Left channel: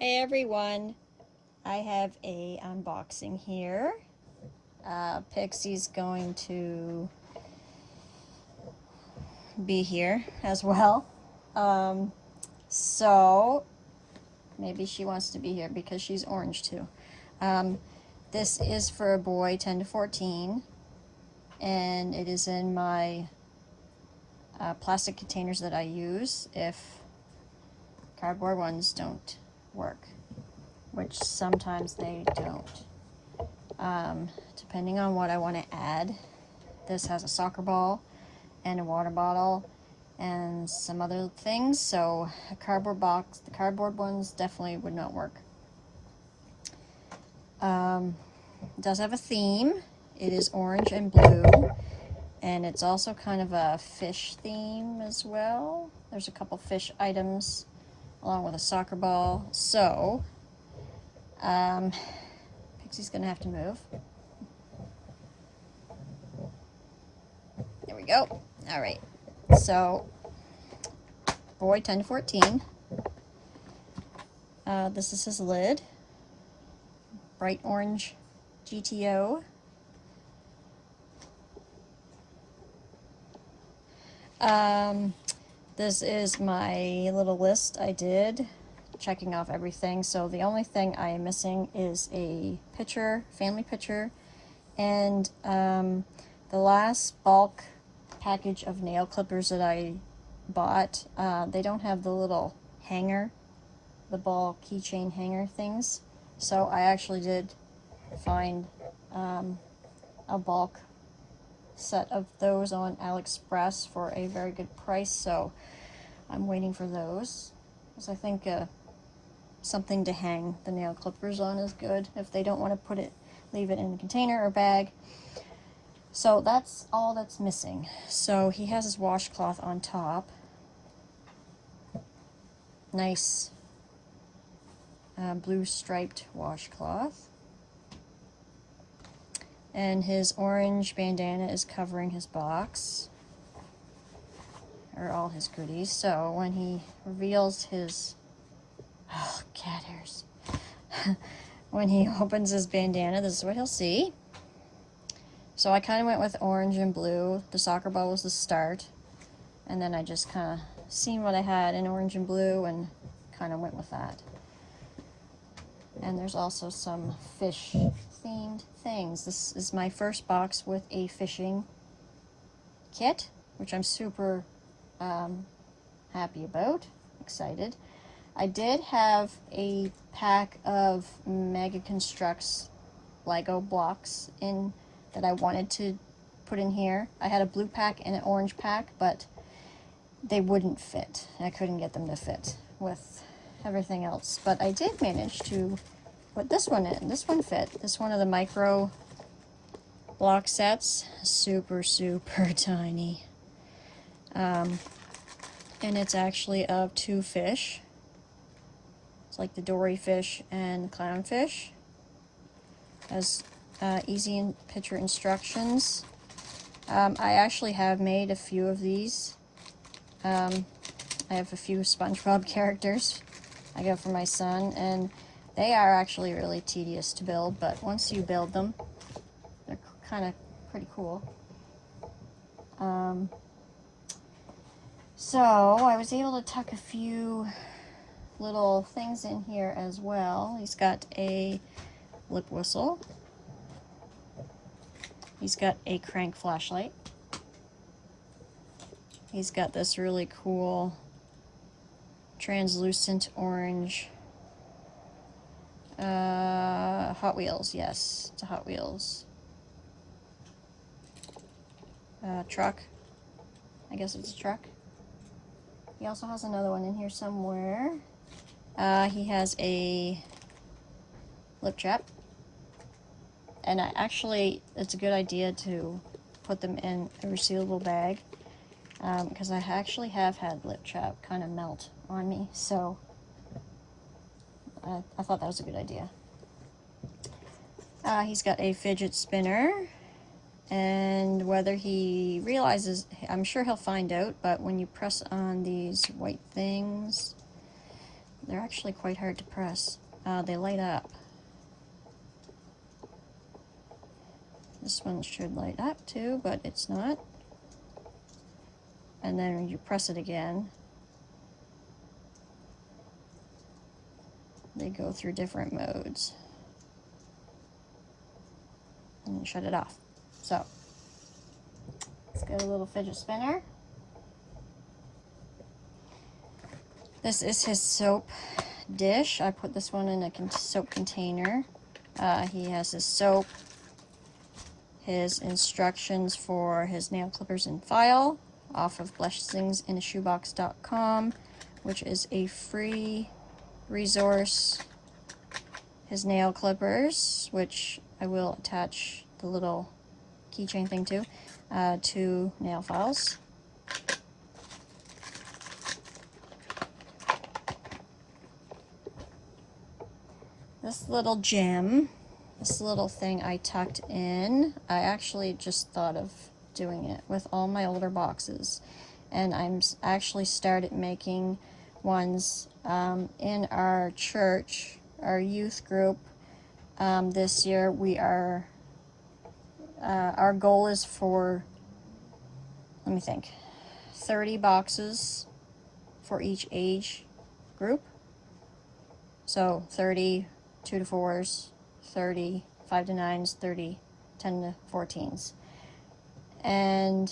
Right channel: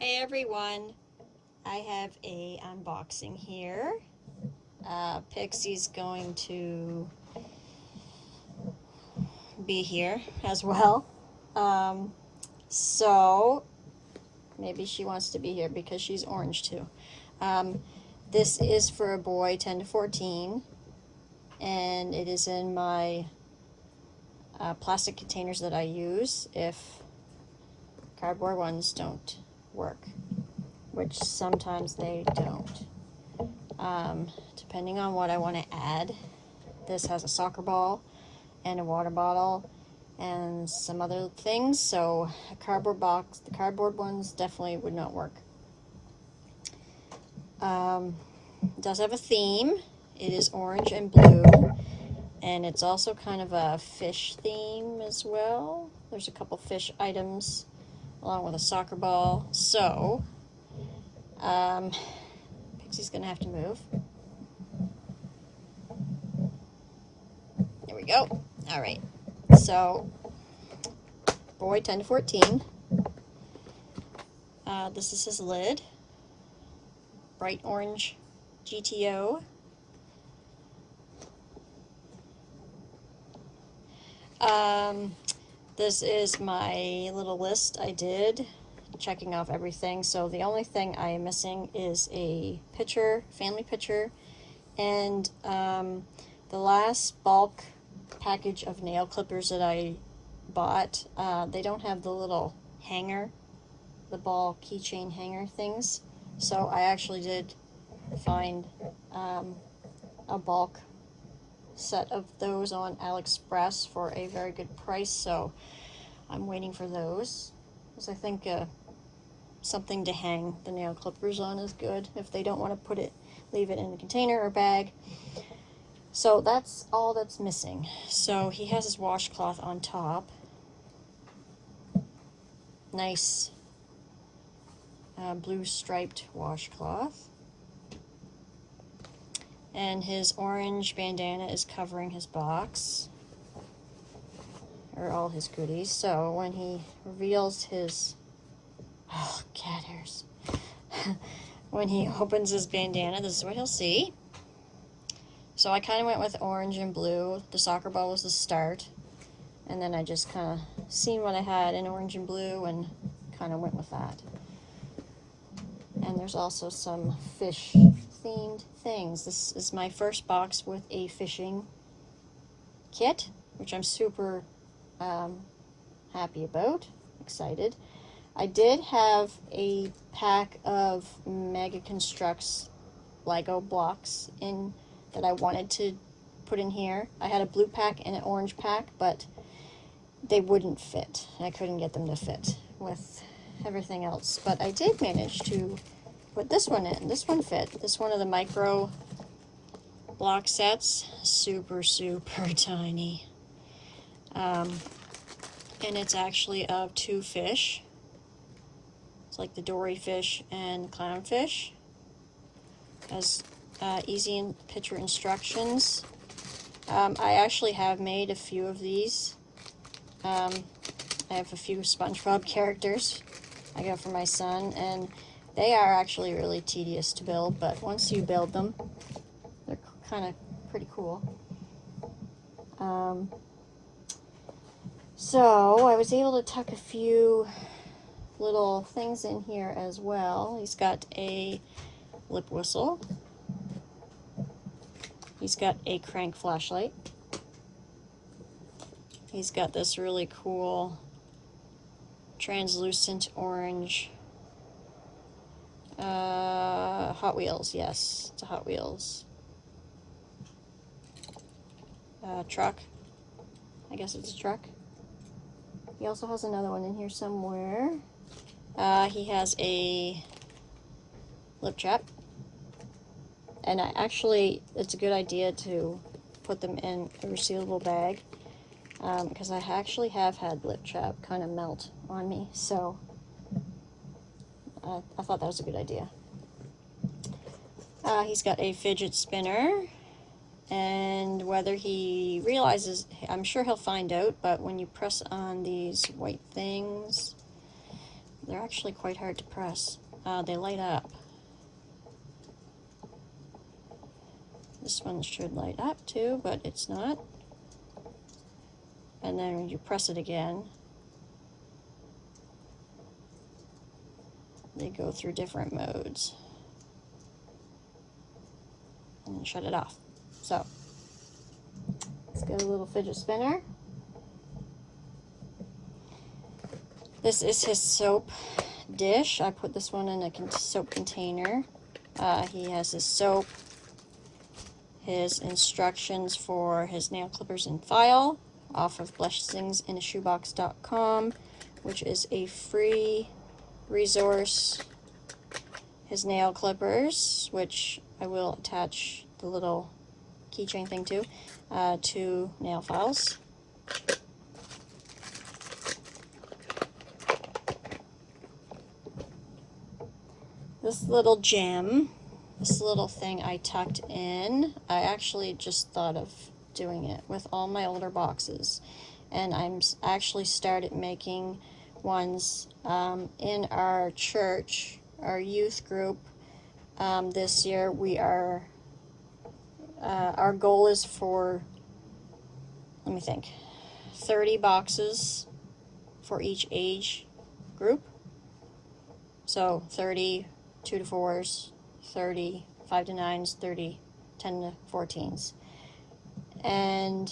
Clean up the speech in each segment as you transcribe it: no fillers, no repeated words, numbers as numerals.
Hey everyone, I have a unboxing here. Pixie's going to be here as well. Um, so maybe she wants to be here because she's orange too. Um, this is for a boy 10 to 14 and it is in my plastic containers that I use if cardboard ones don't work, which sometimes they don't. Depending on what I want to add. This has a soccer ball and a water bottle and some other things, so a cardboard box, the cardboard ones definitely would not work. It does have a theme. It is orange and blue, and it's also kind of a fish theme as well. There's a couple fish items along with a soccer ball. So Pixie's gonna have to move. There we go. All right, so boy 10 to 14. This is his lid. Bright orange GTO. This is my little list I did, checking off everything. So the only thing I am missing is a picture, family picture, and the last bulk package of nail clippers that I bought, they don't have the little hanger, the ball keychain hanger things. So I actually did find a bulk set of those on AliExpress for a very good price, so I'm waiting for those, because I think something to hang the nail clippers on is good if they don't want to leave it in a container or bag. So that's all that's missing. So he has his washcloth on top. Nice blue striped washcloth. And his orange bandana is covering his box, or all his goodies. So when he reveals his cat hairs when he opens his bandana, this is what he'll see. So I kind of went with orange and blue. The soccer ball was the start, and then I just kind of seen what I had in orange and blue and kind of went with that. And there's also some fish themed things. This is my first box with a fishing kit, which I'm super happy about, excited. I did have a pack of Mega Constructs Lego blocks in that I wanted to put in here. I had a blue pack and an orange pack, but they wouldn't fit. I couldn't get them to fit with everything else. But I did manage to put this one in. This one fit. This one of the micro block sets. Super, super tiny. And it's actually of two fish. It's like the dory fish and clownfish. Has easy picture instructions. I actually have made a few of these. I have a few SpongeBob characters I got for my son, and they are actually really tedious to build, but once you build them, they're kind of pretty cool. So I was able to tuck a few little things in here as well. He's got a lip whistle. He's got a crank flashlight. He's got this really cool translucent orange Hot Wheels. Yes, it's a Hot Wheels truck. I guess it's a truck. He also has another one in here somewhere. He has a lip chap. And actually, it's a good idea to put them in a resealable bag, because I actually have had lip chap kind of melt on me, so I thought that was a good idea. He's got a fidget spinner, and whether he realizes, I'm sure he'll find out, but when you press on these white things, they're actually quite hard to press. They light up. This one should light up too, but it's not. And then when you press it again, they go through different modes. And shut it off. So, let's get a little fidget spinner. This is his soap dish. I put this one in a soap container. He has his soap, his instructions for his nail clippers and file off of blessingsinashoebox.com, which is a free resource. His nail clippers, which I will attach the little keychain thing to nail files. This little gem, this little thing I tucked in, I actually just thought of doing it with all my older boxes, and I'm actually started making ones in our church, our youth group. This year we are, our goal is for, let me think, 30 boxes for each age group. So 30 2 to 4s, 30 5 to 9s, 30 10 to 14s. And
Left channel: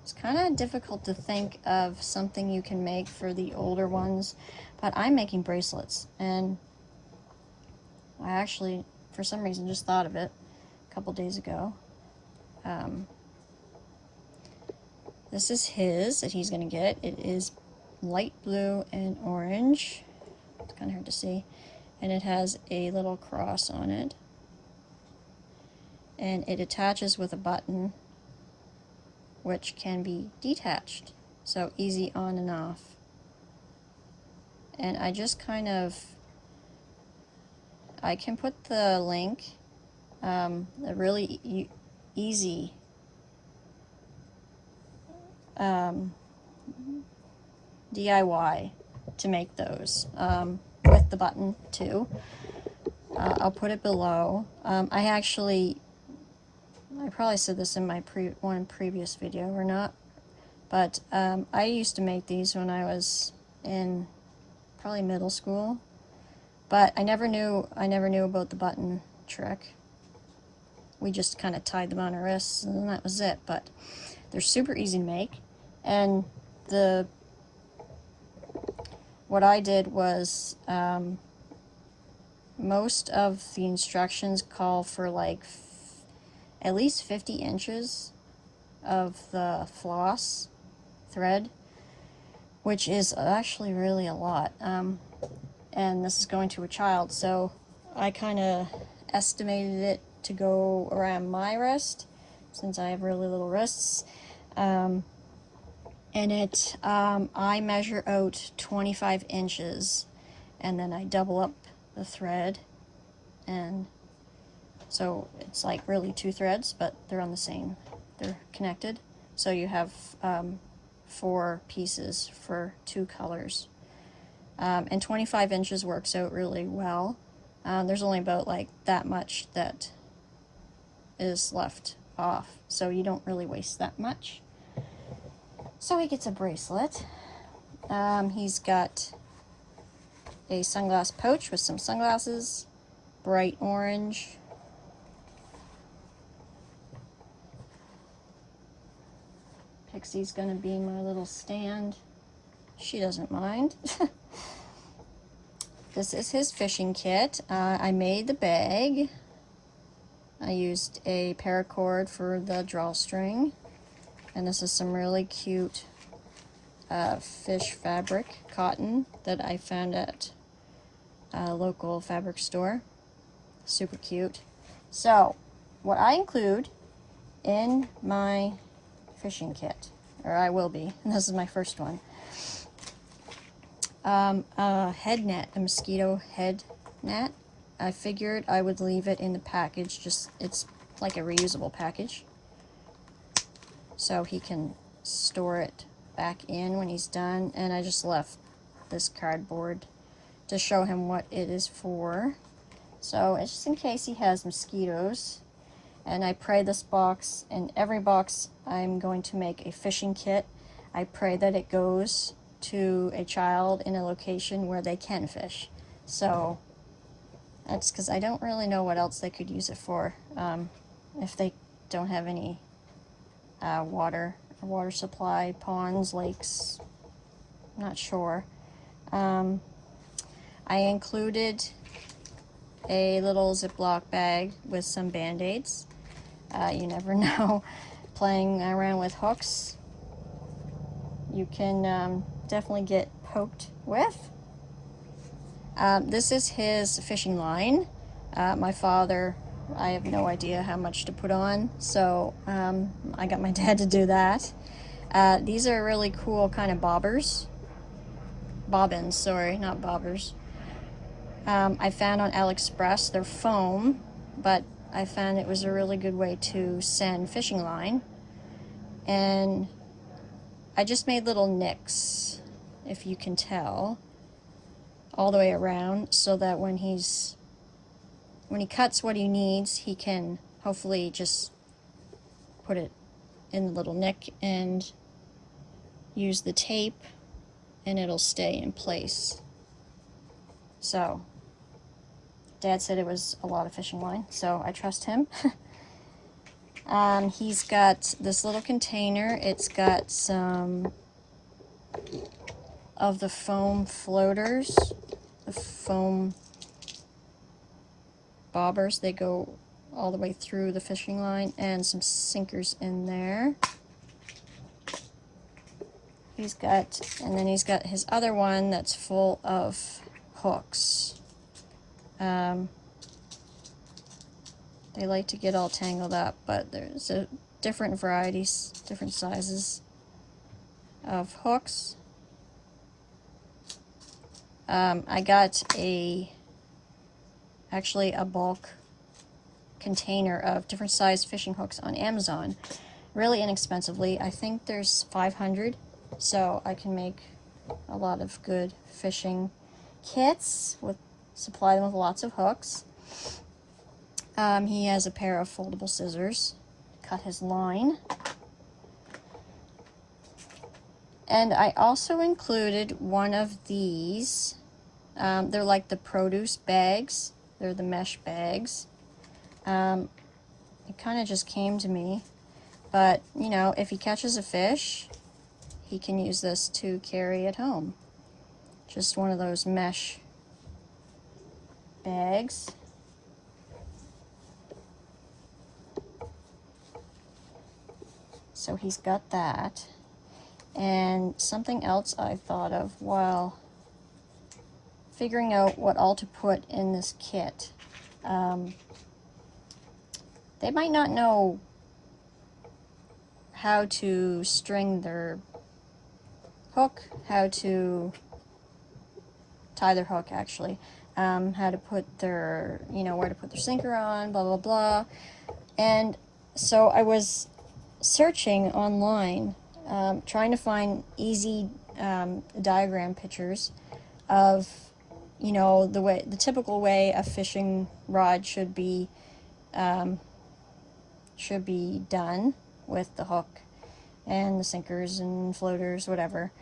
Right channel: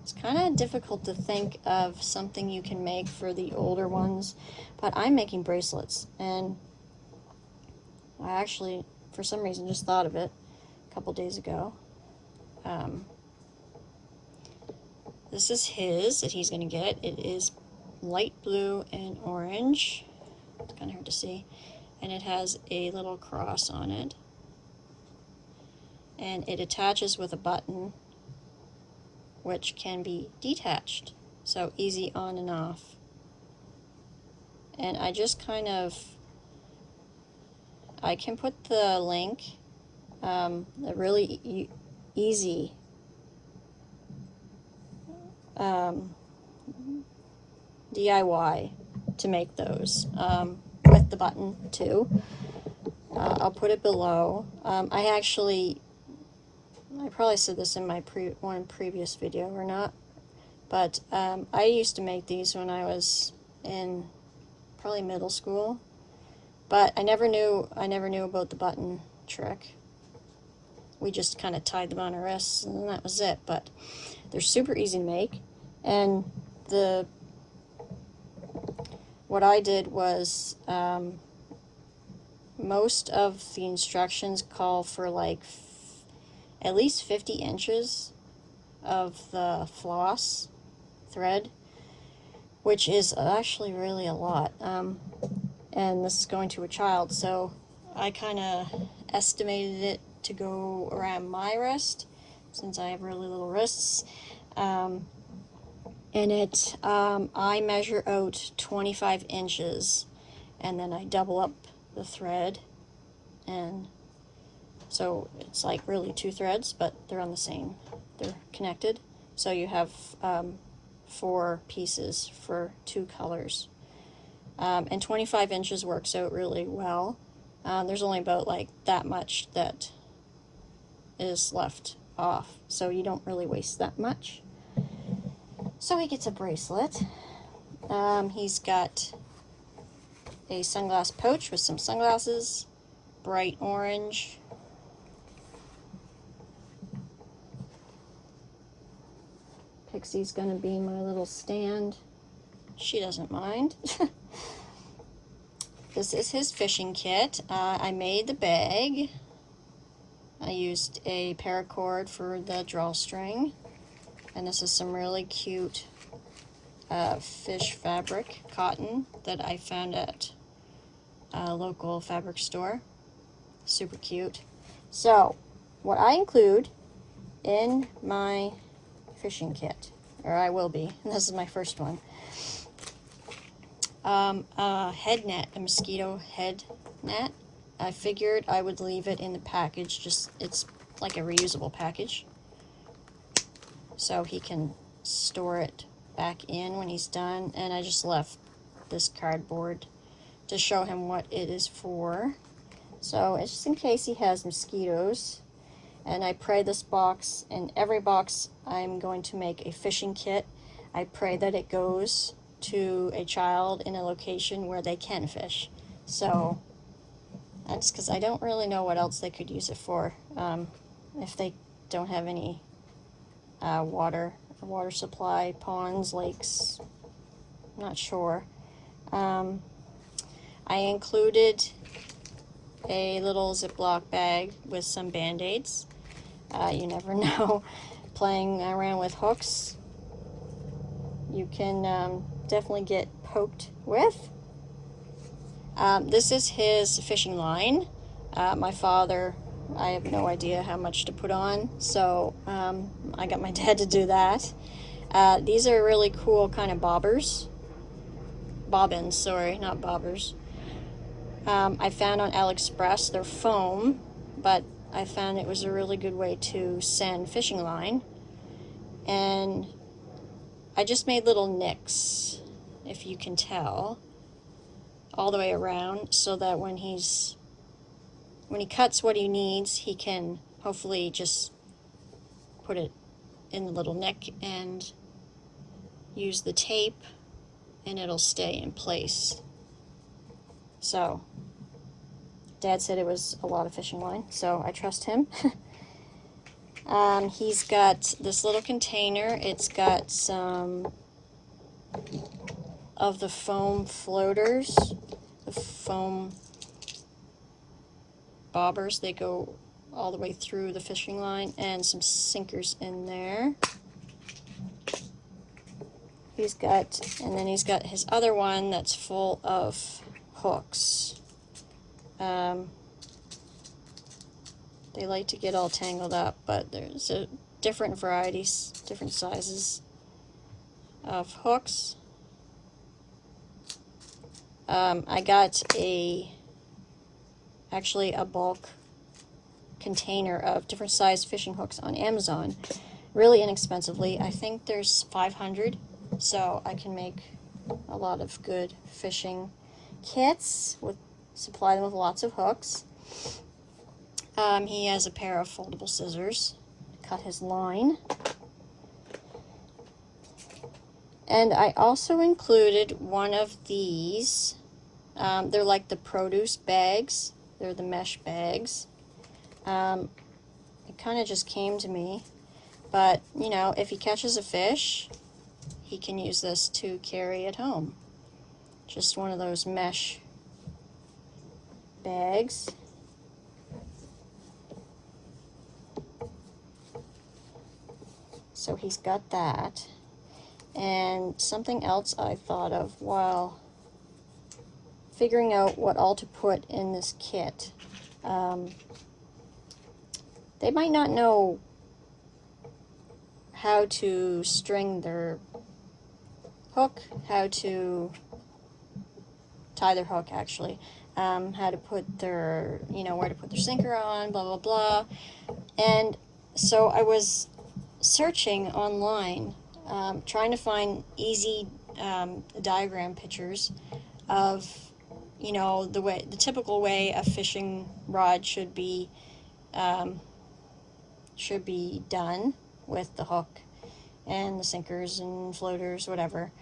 it's kind of difficult to think of something you can make for the older ones, but I'm making bracelets, and I actually, for some reason, just thought of it a couple days ago. This is his that he's going to get. It is light blue and orange. It's kind of hard to see. And it has a little cross on it. And it attaches with a button, which can be detached. So easy on and off. And I just kind of, I can put the link, a really easy DIY to make those with the button too. I'll put it below. I probably said this in my one previous video or not, but I used to make these when I was in probably middle school, but I never knew about the button trick. We just kind of tied them on our wrists and that was it. But they're super easy to make, and what I did was most of the instructions call for like at least 50 inches of the floss thread, which is actually really a lot. And this is going to a child, so I kind of estimated it to go around my wrist, since I have really little wrists. And I measure out 25 inches, and then I double up the thread, and so it's like really 2 threads, but they're on the same, they're connected, so you have 4 pieces for 2 colors. And 25 inches works out really well. There's only about like that much that is left off, so you don't really waste that much. So he gets a bracelet. He's got a sunglass pouch with some sunglasses, bright orange. Pixie's gonna be my little stand. She doesn't mind. This is his fishing kit. I made the bag. I used a paracord for the drawstring. And this is some really cute fish fabric, cotton, that I found at a local fabric store. Super cute. So, what I include in my fishing kit, or I will be, and this is my first one, a head net, a mosquito head net. I figured I would leave it in the package, just, it's like a reusable package, so he can store it back in when he's done. And I just left this cardboard to show him what it is for. So it's just in case he has mosquitoes. And I pray this box, in every box I'm going to make a fishing kit. I pray that it goes to a child in a location where they can fish. So that's because I don't really know what else they could use it for, if they don't have any water supply, ponds, lakes, not sure. I included a little Ziploc bag with some Band-Aids. You never know. Playing around with hooks, you can definitely get poked with. This is his fishing line. My father, I have no idea how much to put on, so I got my dad to do that. These are really cool kind of bobbins, sorry, not bobbers. I found on AliExpress. They're foam, but I found it was a really good way to send fishing line. And I just made little nicks, if you can tell, all the way around, so that when he cuts what he needs, he can hopefully just put it in the little nick and use the tape, and it'll stay in place. So Dad said it was a lot of fishing line, so I trust him. He's got this little container. It's got some of the foam floaters, the foam bobbers. They go all the way through the fishing line, and some sinkers in there. And then he's got his other one that's full of hooks. They like to get all tangled up, but there's different varieties, different sizes of hooks. I got actually a bulk container of different size fishing hooks on Amazon, really inexpensively. I think there's 500, so I can make a lot of good fishing kits, supply them with lots of hooks. He has a pair of foldable scissors to cut his line. And I also included one of these. They're like the produce bags. They're the mesh bags. It kind of just came to me. But, you know, if he catches a fish, he can use this to carry it home. Just one of those mesh bags. So he's got that. And something else I thought of while figuring out what all to put in this kit. They might not know how to string their hook, how to tie their hook actually, how to put their, where to put their sinker on, blah, blah, blah. And so I was searching online, trying to find easy diagram pictures of, the typical way a fishing rod should be done with the hook and the sinkers and floaters, whatever.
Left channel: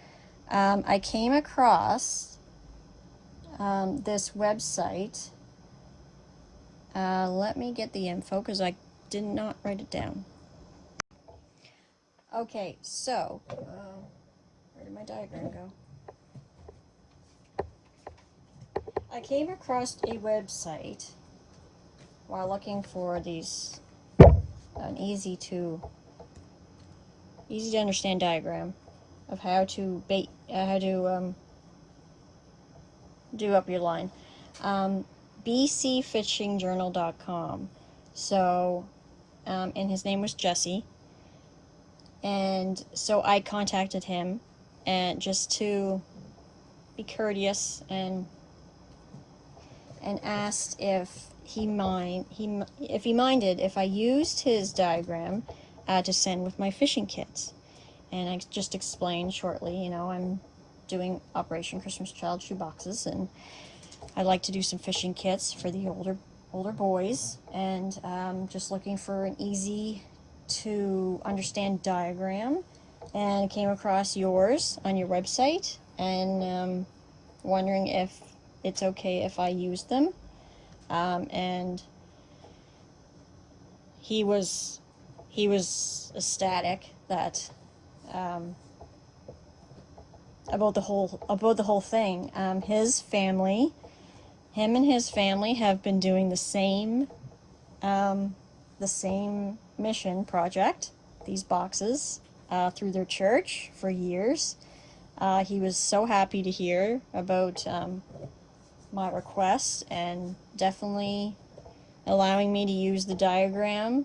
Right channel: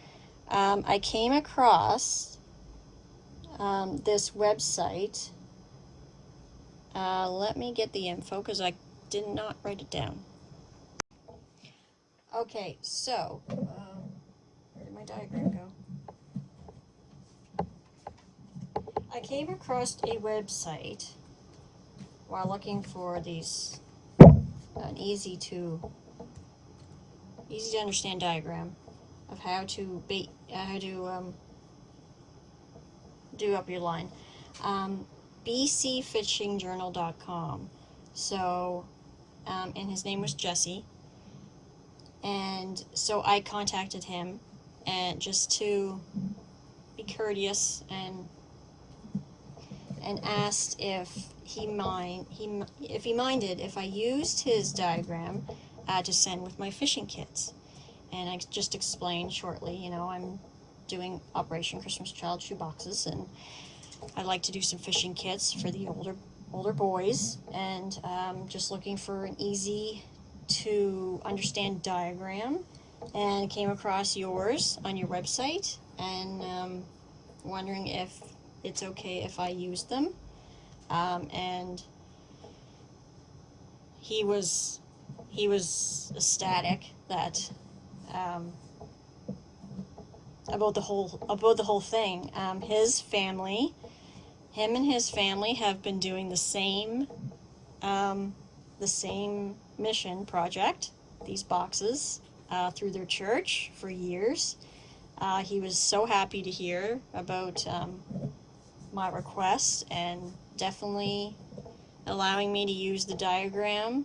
I came across this website. Let me get the info because I did not write it down. Okay, so where did my diagram go? I came across a website while looking for these an easy to understand diagram of how to do up your line. bcfishingjournal.com. So, and his name was Jesse. And so I contacted him, and just to be courteous and asked if he minded if I used his diagram to send with my fishing kits. And I just explained shortly, I'm doing Operation Christmas Child shoeboxes, and I like to do some fishing kits for the older boys, and just looking for an easy to understand diagram, and came across yours on your website, and wondering if it's okay if I use them. And he was ecstatic that about the whole thing. Him and his family have been doing the same mission project, these boxes, through their church for years. He was so happy to hear about my request, and definitely allowing me to use the diagram.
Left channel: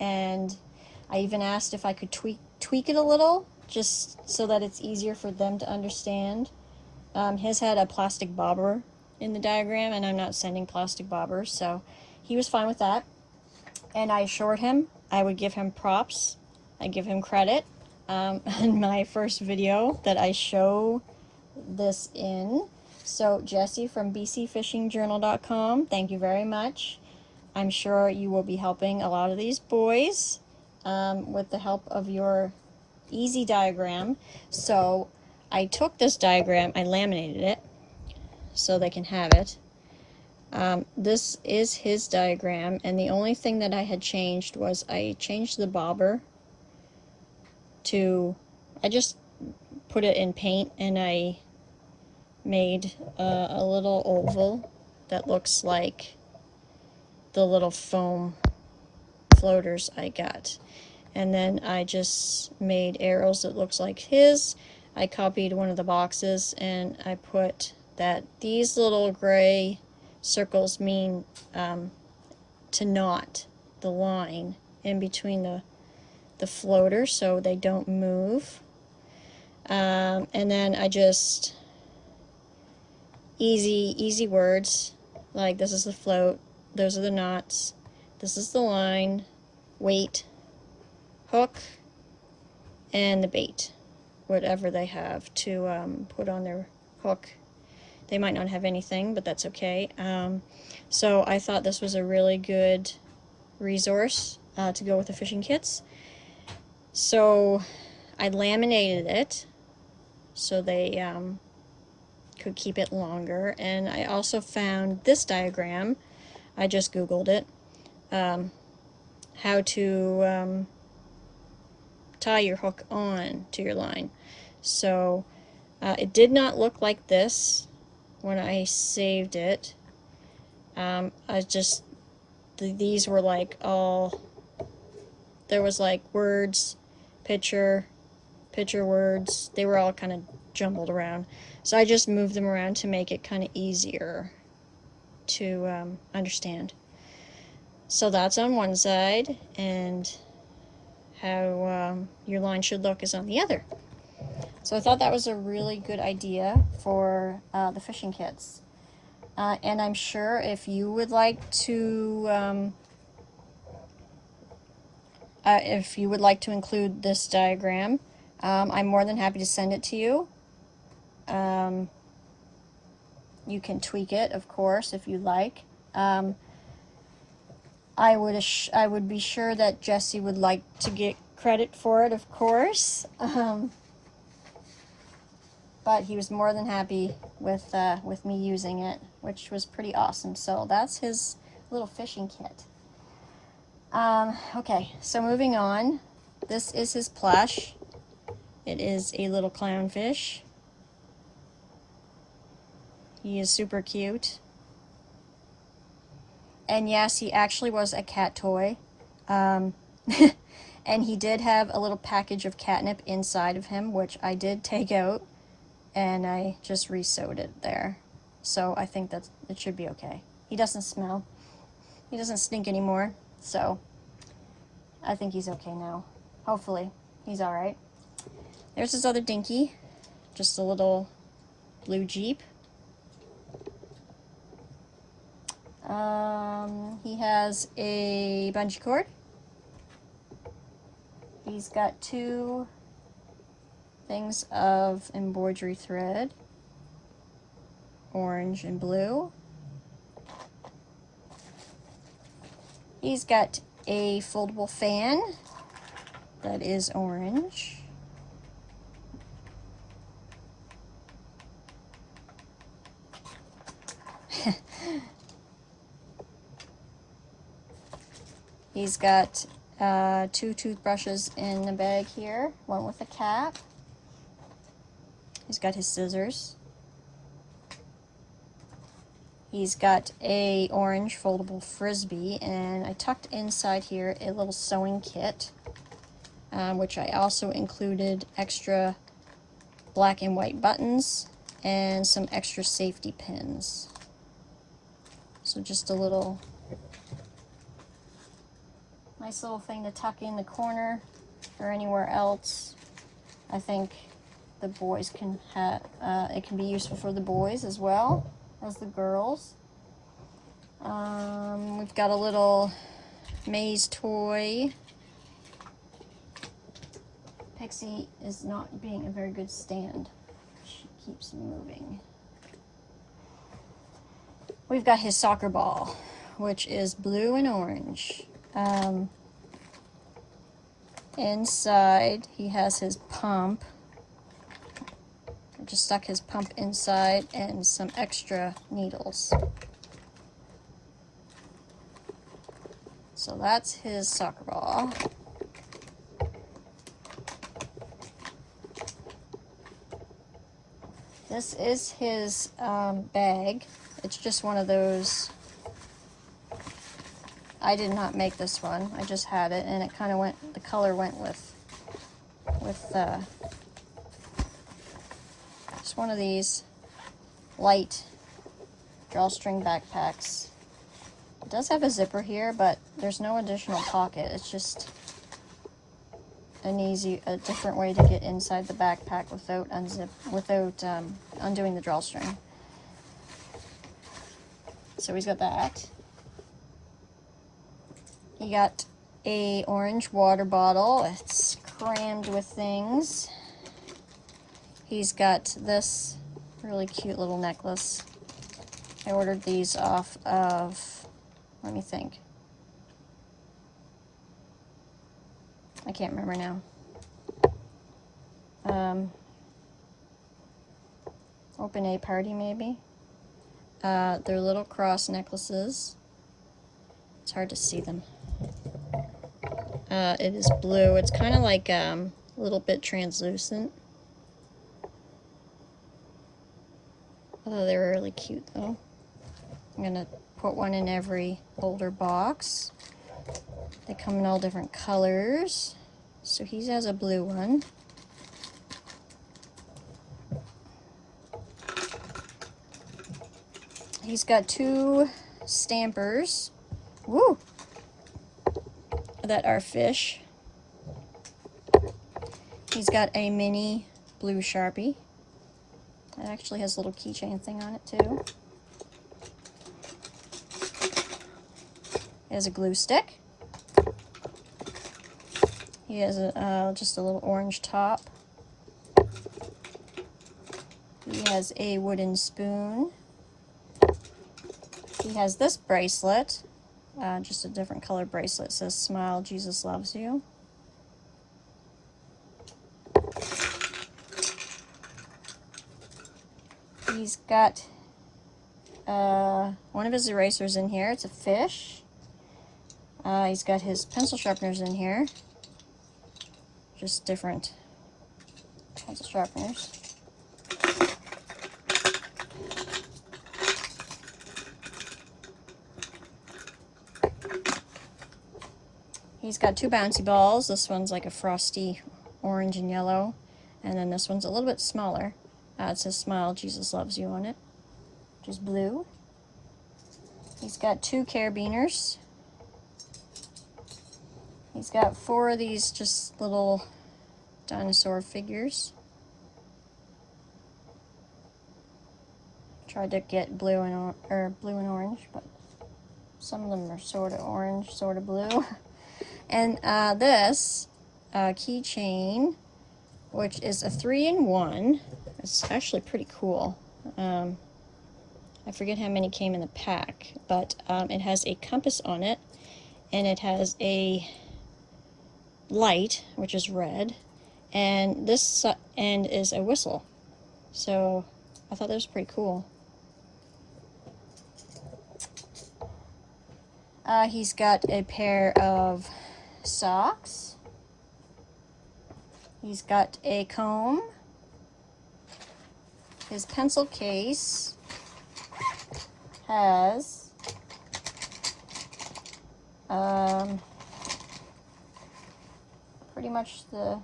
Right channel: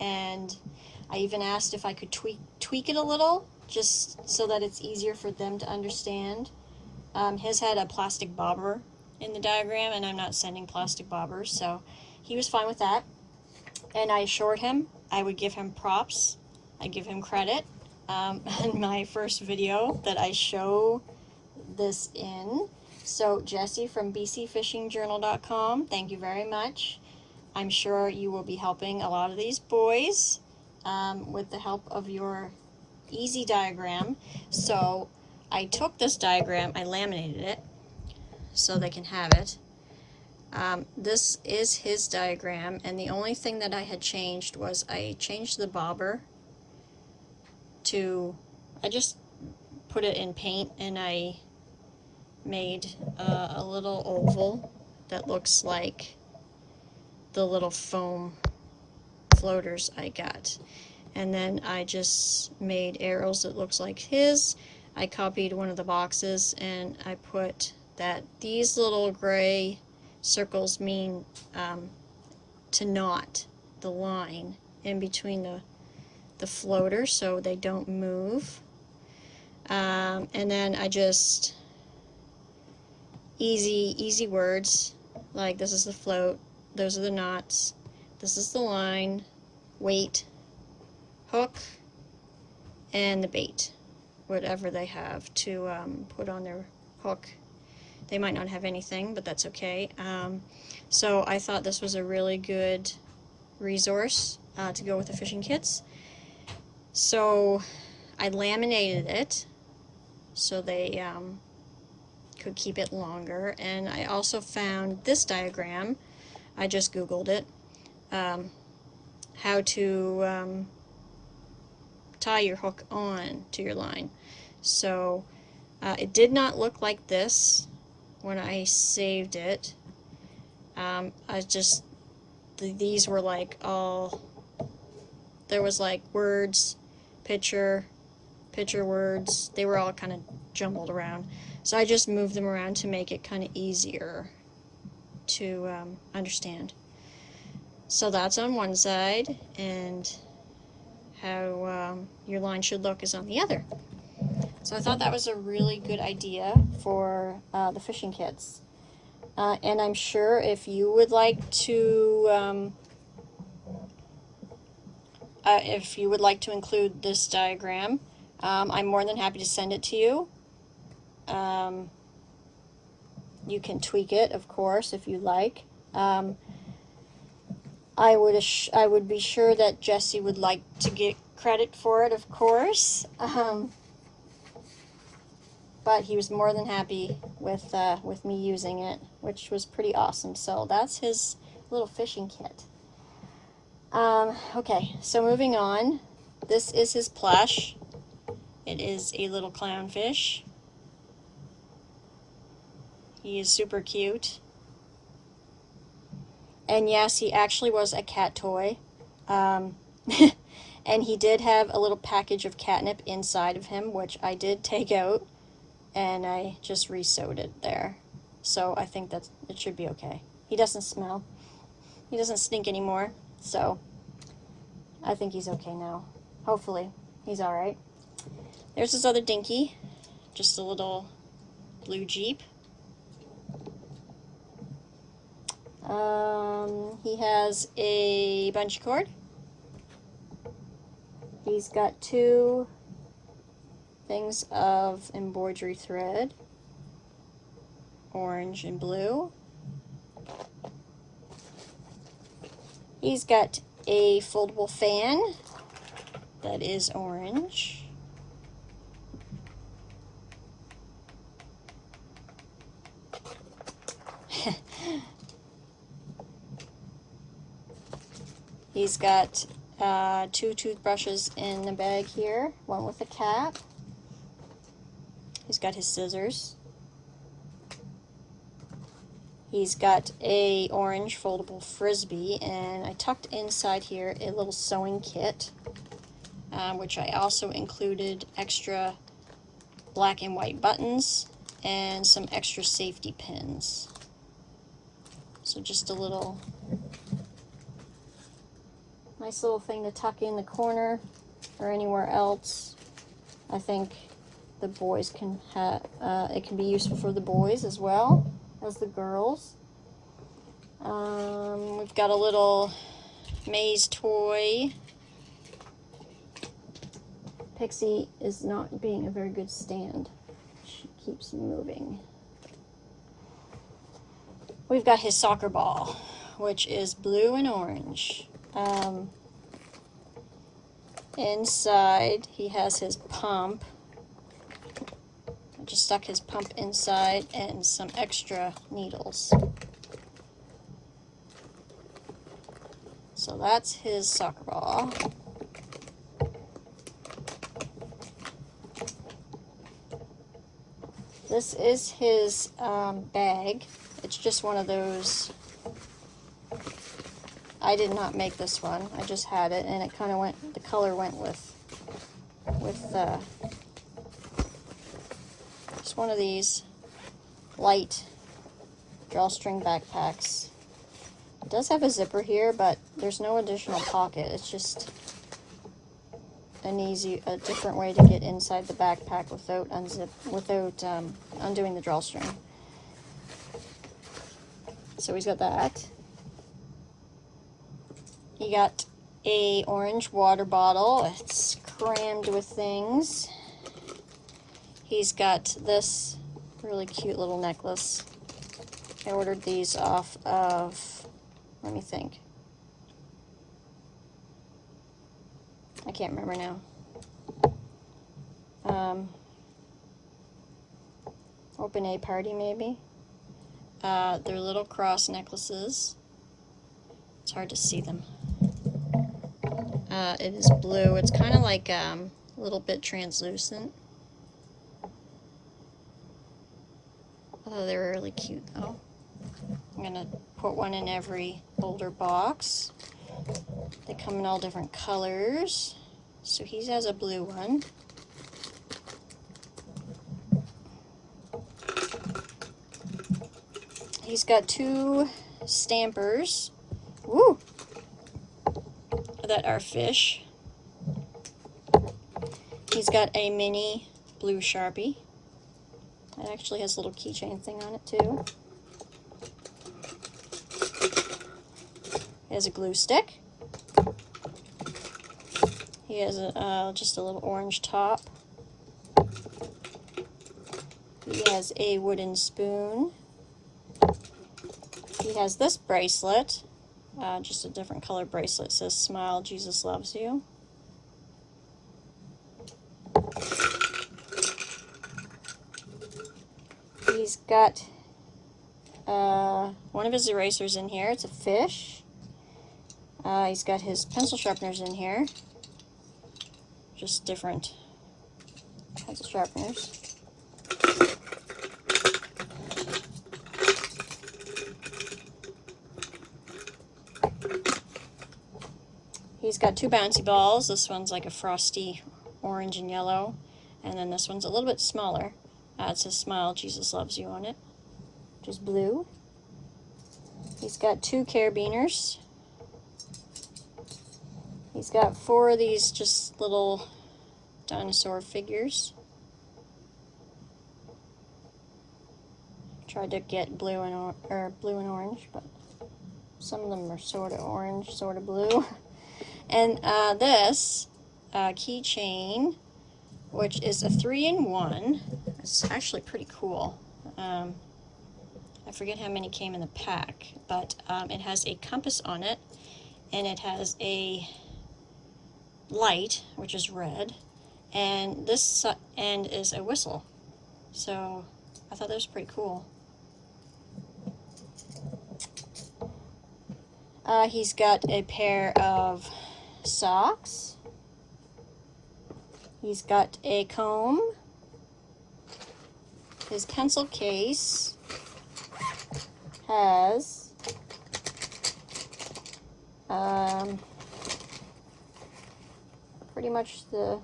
And I even asked if I could tweak it a little, just so that it's easier for them to understand. His had a plastic bobber in the diagram, and I'm not sending plastic bobbers, so he was fine with that. And I assured him I would give him props. I give him credit. In my first video that I show this in. So Jessie from bcfishingjournal.com, thank you very much. I'm sure you will be helping a lot of these boys with the help of your easy diagram. So I took this diagram, I laminated it so they can have it. This is his diagram, and the only thing that I had changed was I changed the bobber to, I just put it in paint, and I made a little oval that looks like the little foam floaters I got. And then I just made arrows that looks like his. I copied one of the boxes, and I put that these little gray circles mean to knot the line in between the floater so they don't move. And then I just easy words, like this is the float, those are the knots, this is the line, weight, hook, and the bait, whatever they have to put on their hook. They might not have anything, but that's okay. So I thought this was a really good resource to go with the fishing kits. So I laminated it so they could keep it longer, and I also found this diagram. I just Googled it, how to tie your hook on to your line. So it did not look like this when I saved it. These were like all, there was like words, picture words, they were all kind of jumbled around. So I just moved them around to make it kind of easier to understand. So that's on one side, and how your line should look is on the other. So I thought that was a really good idea for the fishing kits. And I'm sure if you would like to include this diagram, I'm more than happy to send it to you. You can tweak it, of course, if you like. I would be sure that Jessie would like to get credit for it, of course. But he was more than happy with me using it, which was pretty awesome. So that's his little fishing kit. Okay, so moving on. This is his plush. It is a little clownfish. He is super cute. And yes, he actually was a cat toy. And he did have a little package of catnip inside of him, which I did take out, and I just re-sewed it there. So I think that it should be okay. He doesn't smell. He doesn't stink anymore, so I think he's okay now. Hopefully, he's alright. There's his other dinky, just a little blue Jeep. He has a bungee cord. He's got 2 things of embroidery thread, orange and blue. He's got a foldable fan that is orange. He's got 2 toothbrushes in the bag here, one with a cap. He's got his scissors. He's got a orange foldable frisbee, and I tucked inside here a little sewing kit, which I also included extra black and white buttons and some extra safety pins. So just a little nice little thing to tuck in the corner or anywhere else. I think the boys can have, it can be useful for the boys as well as the girls. We've got a little maze toy. Pixie is not being a very good stand. She keeps moving. We've got his soccer ball, which is blue and orange. Inside, he has his pump. I just stuck his pump inside and some extra needles. So that's his soccer ball. This is his bag. It's just one of those. I did not make this one. I just had it, and it kind of went. The color went with just one of these light drawstring backpacks. It does have a zipper here, but there's no additional pocket. It's just a different way to get inside the backpack without undoing the drawstring. So he's got that. He got a orange water bottle. It's crammed with things. He's got this really cute little necklace. I ordered these off of, let me think. I can't remember now. Open A Party, maybe. They're little cross necklaces. It's hard to see them. It is blue. It's kind of like a little bit translucent. Oh, they're really cute though. I'm gonna put one in every holder box. They come in all different colors. So he has a blue one. He's got 2 stampers. Woo! That are fish. He's got a mini blue Sharpie. It actually has a little keychain thing on it too. He has a glue stick. He has just a little orange top. He has a wooden spoon. He has this bracelet, just a different color bracelet. It says "Smile, Jesus loves you." He's got one of his erasers in here. It's a fish. He's got his pencil sharpeners in here. Just different pencil sharpeners. He's got 2 bouncy balls. This one's like a frosty orange and yellow. And then this one's a little bit smaller. It says "Smile, Jesus loves you" on it, which is blue. He's got 2 carabiners. He's got 4 of these just little dinosaur figures. Tried to get blue and orange, but some of them are sort of orange, sort of blue. And this keychain, which is a 3-in-1. It's actually pretty cool. I forget how many came in the pack, but it has a compass on it, and it has a light, which is red, and this end is a whistle. So I thought that was pretty cool. He's got a pair of socks. He's got a comb. His pencil case has pretty much the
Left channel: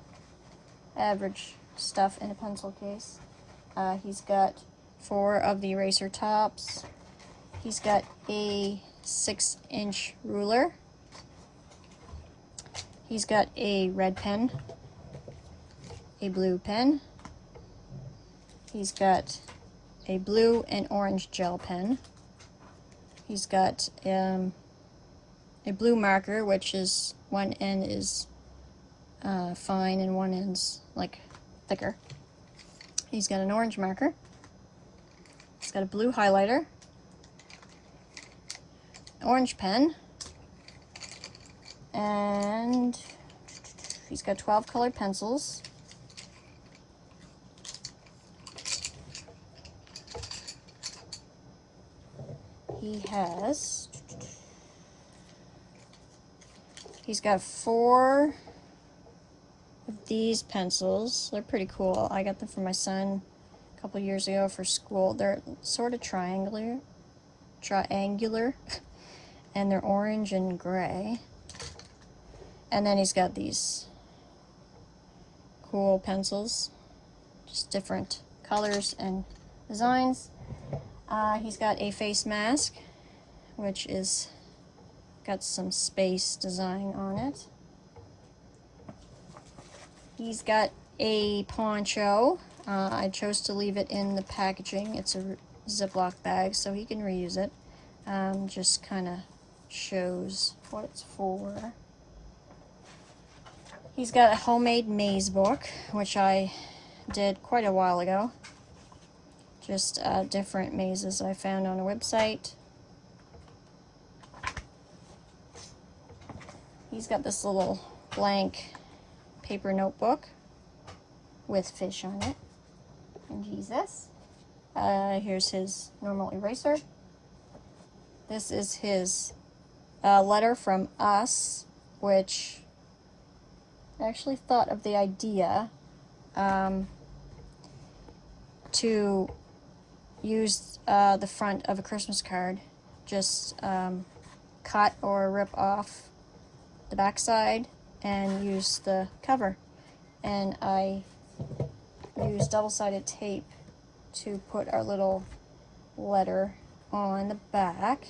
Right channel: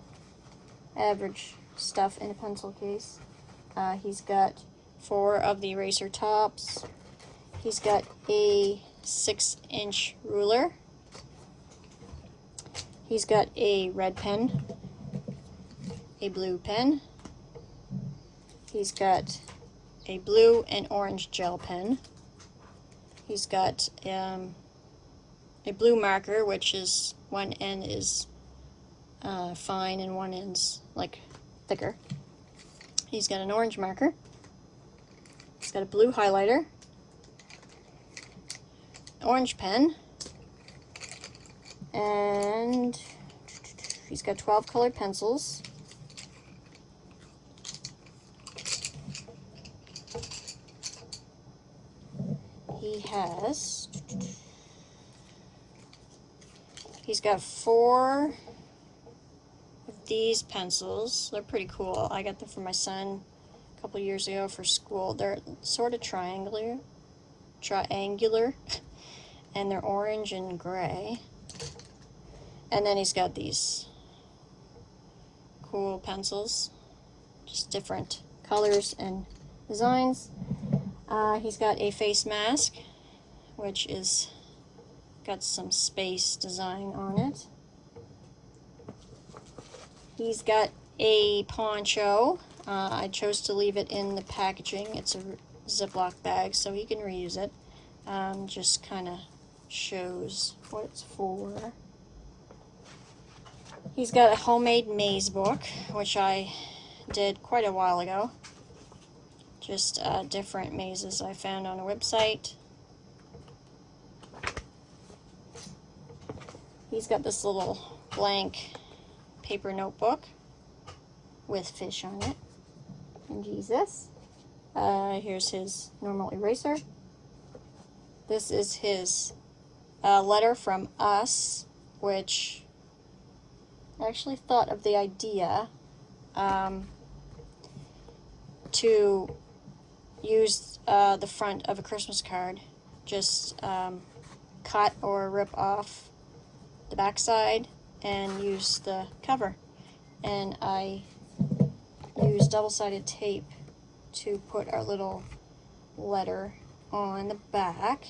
average stuff in a pencil case. He's got 4 of the eraser tops. He's got a 6-inch ruler. He's got a red pen, a blue pen. He's got a blue and orange gel pen. He's got a blue marker, which is one end is fine and one end's like thicker. He's got an orange marker. He's got a blue highlighter, orange pen, and he's got 12 colored pencils. He's got 4 of these pencils. They're pretty cool. I got them for my son a couple years ago for school. They're sort of triangular, and they're orange and gray. And then he's got these cool pencils, just different colors and designs. He's got a face mask, which is got some space design on it. He's got a poncho. I chose to leave it in the packaging. It's a Ziploc bag, so he can reuse it. Just kind of shows what it's for. He's got a homemade maze book, which I did quite a while ago. Just different mazes I found on a website. He's got this little blank paper notebook with fish on it and Jesus. Here's his normal eraser. This is his letter from us, which I actually thought of the idea to use the front of a Christmas card. Just cut or rip off the back side and use the cover. And I used double-sided tape to put our little letter on the back.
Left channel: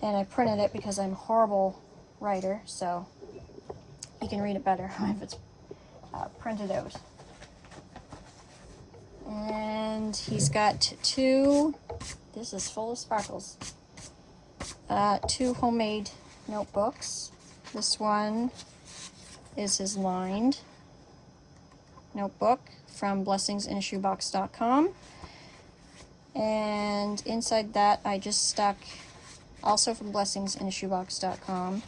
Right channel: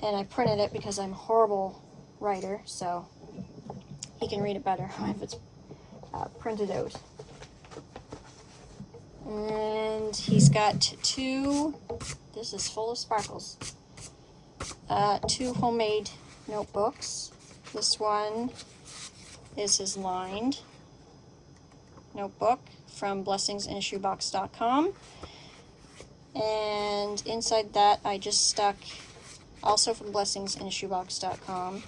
And I printed it because I'm a horrible writer, so he can read it better if it's printed out. And he's got 2, this is full of sparkles, 2 homemade notebooks. This one is his lined notebook from blessingsinashoebox.com. And inside that I just stuck, also from blessingsinashoebox.com,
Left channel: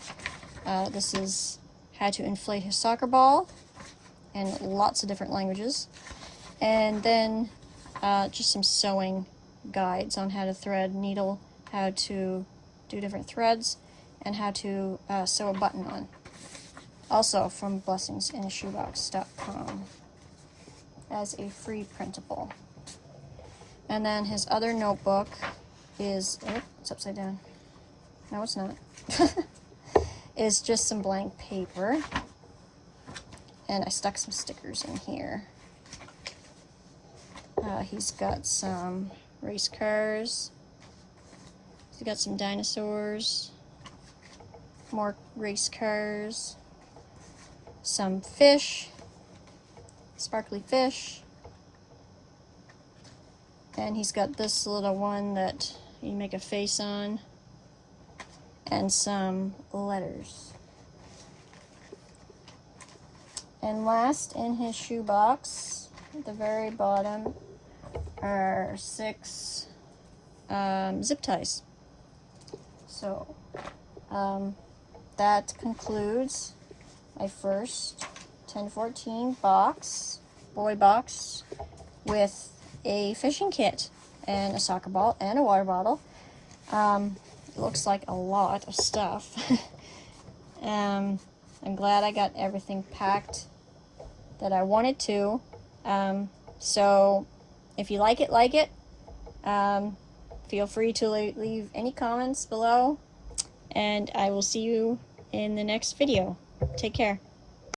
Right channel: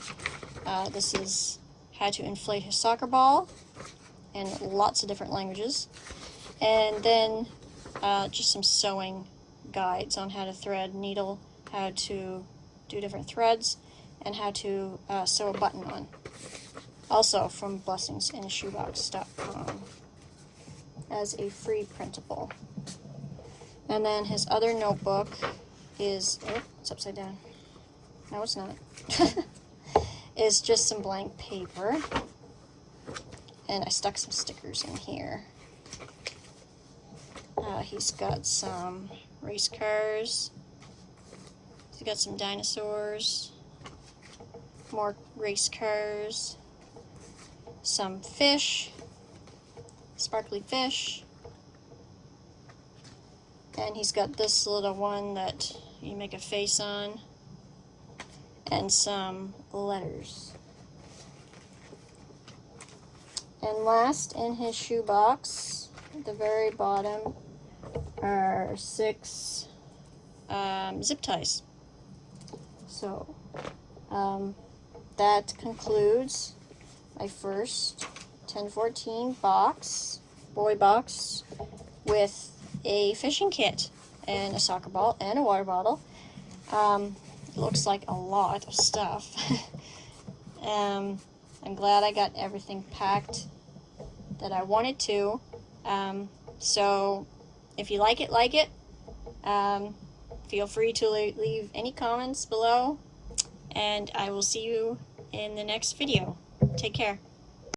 this is how to inflate his soccer ball in lots of different languages. And then just some sewing guides on how to thread needle, how to do different threads, and how to sew a button on. Also from blessingsinashoebox.com as a free printable. And then his other notebook is, oh, it's upside down. No, it's not. Is just some blank paper. And I stuck some stickers in here. He's got some race cars. He's got some dinosaurs. More race cars. Some fish. Sparkly fish. And he's got this little one that you make a face on. And some letters. And last in his shoebox, at the very bottom, are 6 zip ties. So, that concludes my first 1014 box, boy box, with a fishing kit and a soccer ball and a water bottle. Looks like a lot of stuff. I'm glad I got everything packed that I wanted to. So if you like it, feel free to leave any comments below, and I will see you in the next video. Take care.